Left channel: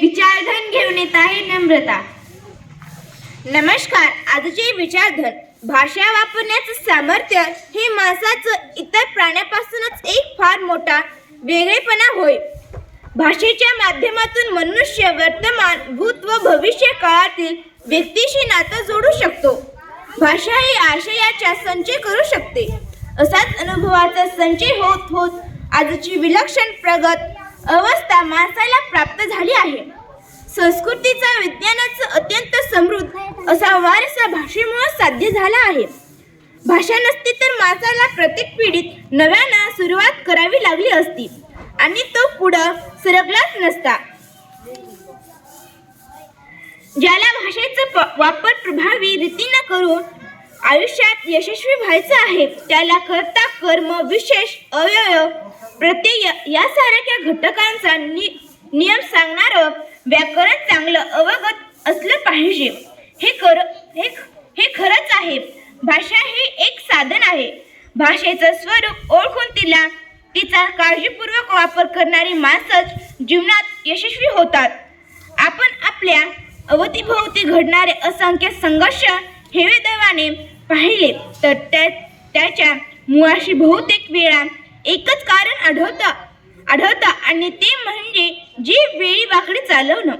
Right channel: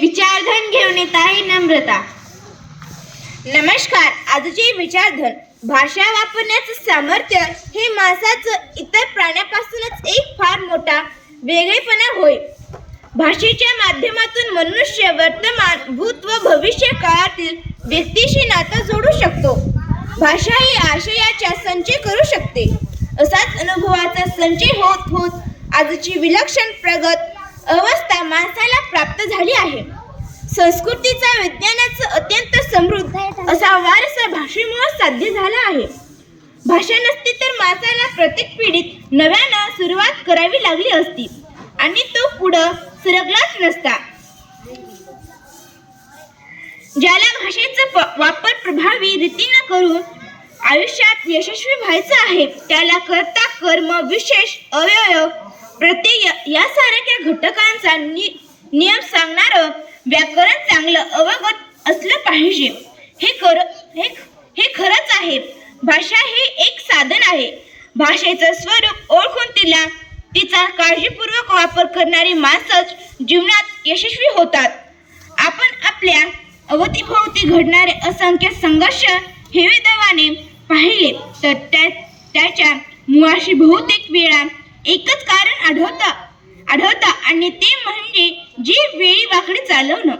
विचारधन घेऊन येत आहे नम्रता. नमस्कार आजचे विचारधन भाषा वापरण्याचं सामर्थ्य हे माणसाचं इतर प्राण्यापासूनच एक फार मोठा वेगळेपणा होय. भाषेच्या माध्यमातून मनुष्य वर्तमान भूत व भविष्य काळातील व्यक्तीशी नातं जोडू शकतो. भाषा ही आशयाचा संचय करू शकते. असाच अनुभवाचा संचय होत होत आजची विलक्षण प्रगत अवस्था माणसाला प्राप्त झाली. संस्कृतीचा विज्ञानाचं अत्यंत समृद्ध असा वारसा भाषेमुळे साध्य झाला आहे. भाषा नसती तर माणसाला प्रत्येक पिढीत नव्यानं सुरुवात करावी लागली असती आणि तो पुढं सरकलाच नसता. ज्याला भाषेचा प- वापर प्रभावी रीतीनं करून आयुष्यात यशस्वी व्हायचं आहे त्याला कर्ता कर्म विशेष अवयव प्रत्यय यासारख्या घटकांचा नि नियम सांगणारं व्याकरण चांगलं अवगत असलं पाहिजे. हे कर हे हे खरंच आहे. भाषा हे एक साधन आहे. भाषेचं स्वरूप ओळखून तिला तिचा काळजीपूर्वक वापर करणारी माणसंच जीवनात यशस्वी होतात. आपण आपल्या अवतीभोवती घडणारे असंख्य संघर्ष हे दैवाने पाहिले तर त्या त्याच्या मुळाशी बहुतेक वेळा एकच कारण आढळतं आढळतं आणि ते म्हणजे जी वेळी वाकडी चालवणं.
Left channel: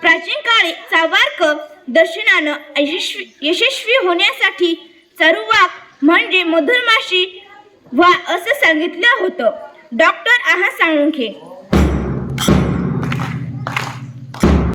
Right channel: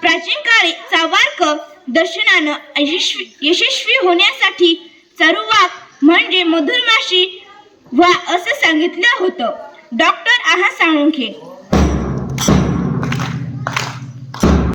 प्राचीन काळी चावार्क दर्शनानं यशस्वी यशस्वी होण्यासाठी चारुवाक म्हणजे मधुरमाशी व्हा असं सांगितलं होतं. डॉक्टर आहा साळुंखे.